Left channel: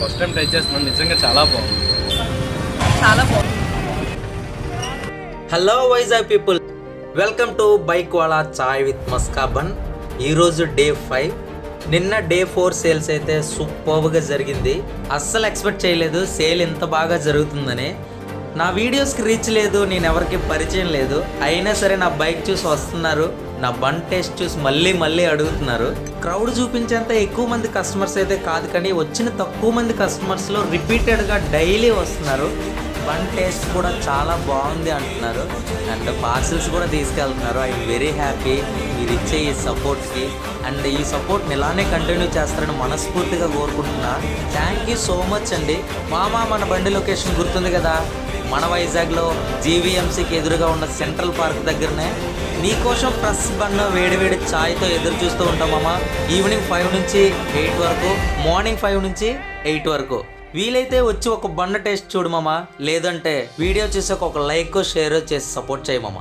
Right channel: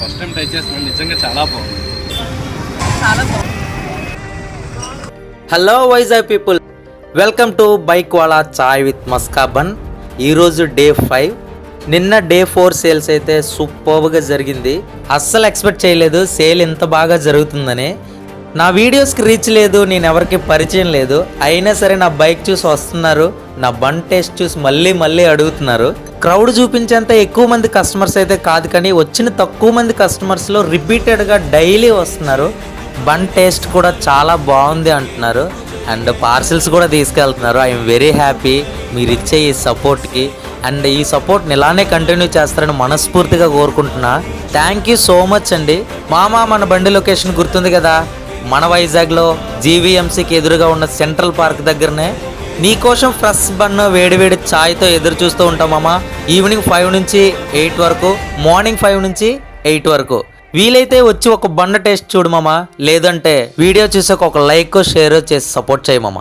First time try చేస్తున్నాను, నిజంగా చాలా బాగుంది. Hello Vizag people, welcome to bike wala chai with maska bun. ఈరోజు డే 5. నిన్న డే 4 సేల్స్ అయితే సూపర్గా జరిగింది. అస్సలు ఎక్స్పెక్ట్ చేయలేదు సేల్ ఇంత బాగా జరుగుతుందని. నా వీడియోస్కి రీచ్ లేదు, నేను ఎవరికి పరిచయం లేదు, అయినా సరే నా బైక్ చూసి వస్తున్నారు, నా బన్ టేస్ట్ చూసి మళ్ళీ అడుగుతున్నారు. క్రౌడ్ చూపించేంత ఎక్కువ మంది కస్టమర్స్ అయితే కాదు, కానీ వచ్చిన తక్కువ మంది కస్టమర్స్లో రిపీటెడ్గా డైలీ వస్తున్నారు. బన్ టేస్ట్ కూడా చాలా బాగుంది అంటున్నారు, అండ్ పార్సిల్స్ కూడా తీసుకెళ్తున్నారు. ఐఎమ్ వెరీ హ్యాపీ మీరు ఇచ్చే ఈ సపోర్ట్కి, అండ్ ఈ సపోర్ట్ని ఇలానే కంటిన్యూ చేస్తారని మనస్ఫూర్తిగా కోరుకుంటున్నా. థ్యాంక్ యూ సో మచ్ అండి. మన బండి లొకేషన్ గుర్తుంది కదా, మన వైజాగ్లో జీవీఎంసీకి ఎదురుగా ఉన్న సెంట్రల్ పార్క్ దగ్గరనే నీకోసం ఫ్రెష్ బన్ వేడివేడి ఛాయ్తో ఎదురు చూస్తూ ఉంటాం మామ. ఈవినింగ్ 5 నుంచి 8 వరకు, మార్నింగ్ 5 నుంచి 8 వరకు. వీలైతే వచ్చి ఒక బండ టేస్ట్ చూడు మామ, లేదంటే వీడియో చూసాక ఒక లైక్ షేర్ చేసి సపోర్ట్ చేయి మామ.